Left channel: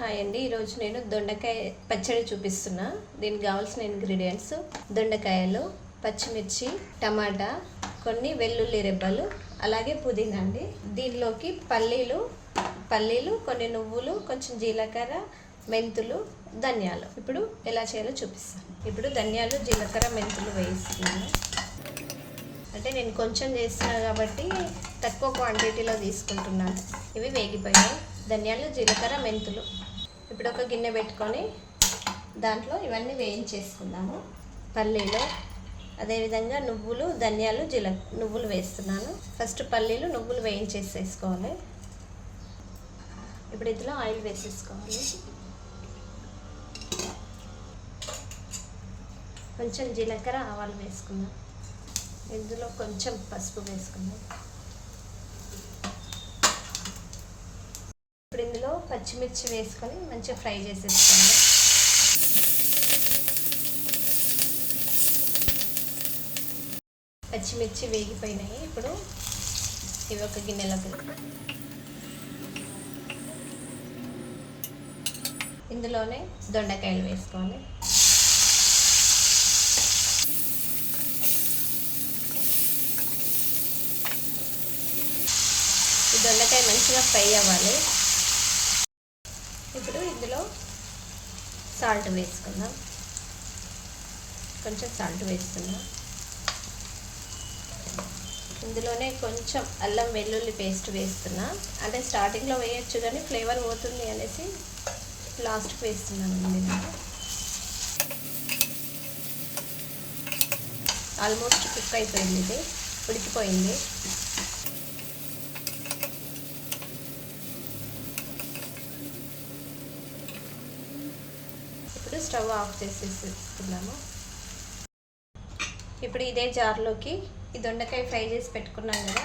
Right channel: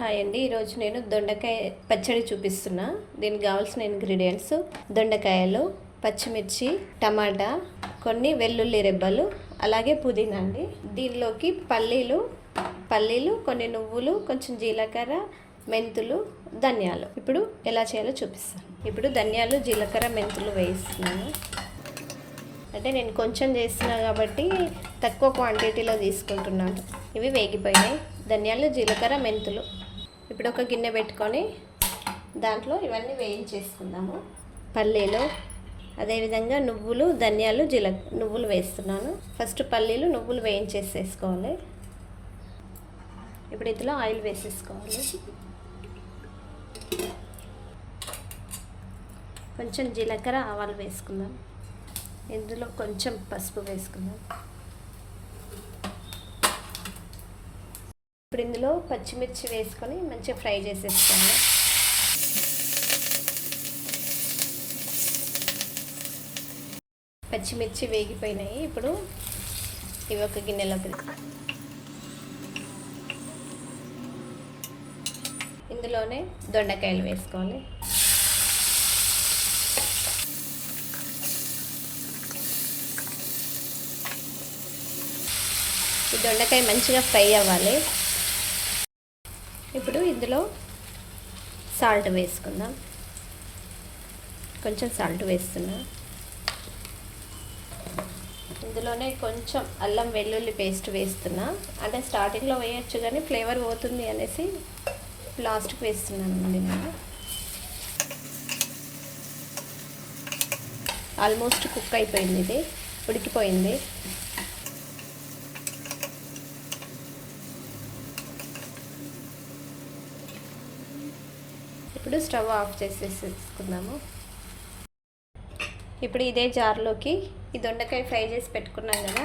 Hi అండి, ఈరోజు నేను దొండకాయ పచ్చడి చూపిస్తున్నా. దీనికి కావాల్సిన ఇంగ్రీడియంట్స్: దొండకాయలు, పచ్చిమిర్చి, టమాటా, కొన్ని వెల్లుల్లి రెబ్బలు, అలాగే పుదీనా అండి. దీనిలోకి పల్లీలు, కొన్ని నువ్వులు, కొంచెం జీలకర్ర, మెంతులు, ధనియాలు. ఇప్పుడు ఎలా చేయాలో చూపిస్తాను. ఇప్పుడు ధనియాలు, జీలకర్ర, మెంతులు వేస్తున్నాను. అంటే నేను కొంచెం చేస్తున్నా కాబట్టి తక్కువ క్వాంటిటీలో తీసుకుంటున్నాను. ఇవి వేగిపోయాయి. ధనియాలు, జీలకర్ర, మెంతులు. ఇప్పుడు ఒక గిన్నె పెట్టుకొని దాంట్లో ఇవన్నీ వేయించేసుకుందాము. పల్లీలు, అదేవిధంగా నువ్వులు, ధనియాలు, నువ్వులు వేస్తున్నాను. ఫస్ట్ పల్లీలు, నువ్వులు వేయించేసేసుకోవాలి. ఇప్పుడు ఇందులో ఆయిల్ వేసేసుకోవాలి. కొంచెం జీలకర్ర, ఆవాలు వేసుకుందాం. ఇందులో కొంచెం పసుపు వేసుకుందాం. ఇప్పుడు ఇందులో పచ్చిమిర్చి వేసుకొని మంచిగా ఫ్రై చేసేసుకోండి. పచ్చిమిర్చి వేగిపోయినాయి. ఇప్పుడు ఇవి ఒక గిన్నెలోకి, ఇందులోనే దొండకాయలు వేసుకోవాలి. ఈ దొండకాయ మంచిగా ఫ్రై అవ్వాలి. ఇప్పుడు ఇందులో సాల్ట్ వేసుకుందాం. కొంచెం సాల్ట్ వేస్తున్నాం. ఇందులోనే కొంచెం అల్లం వెల్లుల్లి పేస్ట్ వేస్తున్నా. అంటే స్టార్టింగ్లో వేయచ్చు కానీ ఫ్లేవర్ పోతుంది అనేసి లాస్ట్కి వేస్తున్నానండి నేను. ఆల్మోస్ట్ కుక్ అయిపోయింది, ఇది ఉడికిపోయింది. ఇప్పుడు స్టవ్ ఆఫ్ చేసేసుకున్నాము. ఇప్పుడు ఇదే జార్లోకి ఈ దొండకాయ ఫ్రై చేసి పెట్టుకున్నాం కదా,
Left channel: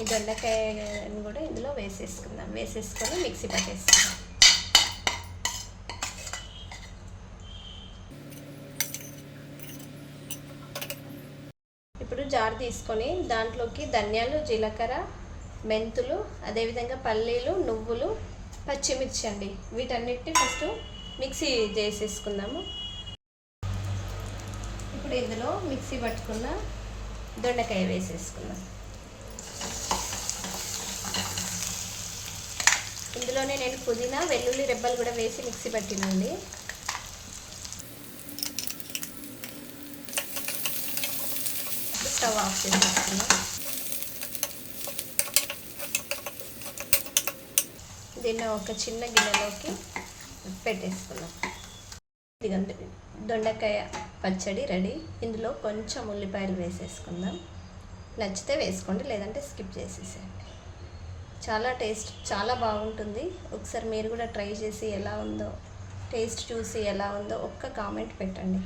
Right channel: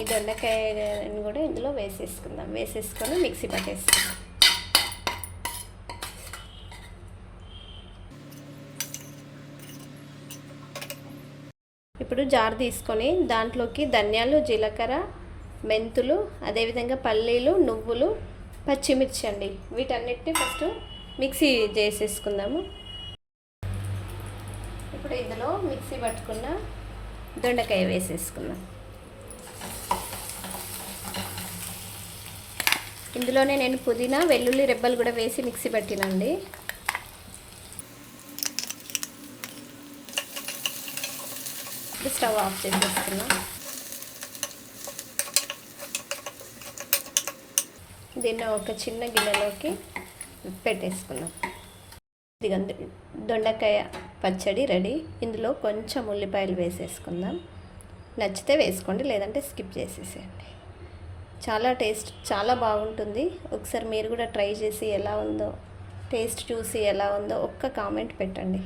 ఈ దొండకాయని కూడా ఇందులో వేసేసుకుందాం. వేసేసుకొని మిక్సీ పట్టేసుకుందాం. ఇప్పుడు జార్ తీసుకొని దాంట్లోకి ధనియాలు, జీలకర్ర, మెంతులు, అదేవిధంగా పల్లీలు, నువ్వులు, పచ్చిమిర్చి అండి, వీటన్నిటిని ఫస్ట్ మిక్సీ చేసేసుకుందాము. ఇప్పుడు ఇందులో మిక్సీ పట్టుకున్న దొండకాయ వేసేసుకుందాం. ఇందులోనే నేను పుదీనా, వెల్లుల్లి రెబ్బలు కూడా వేసి మిక్సీ పట్టినండి. స్టవ్ ఆఫ్ చేసేసుకున్నాం. దీన్ని ఒక చిన్న గిన్నెలోకి పెట్టేసుకున్నాం. ఇదిగండి, దొండకాయ పచ్చడి రెడీ. ఇందులో కొంచెం ఉల్లిపాయలు వేసేసుకుందాం. నచ్చితే వేసుకోండి, లేదంటే స్కిప్ చేసేసేయండి. చాలా బాగుంటుంది. ఒకసారి మీరు కూడా ట్రై చేసి ఎలా ఉందో, టేస్ట్ చూసి ఎలా ఉందో ఒక్క కామెంట్ పెట్టండి.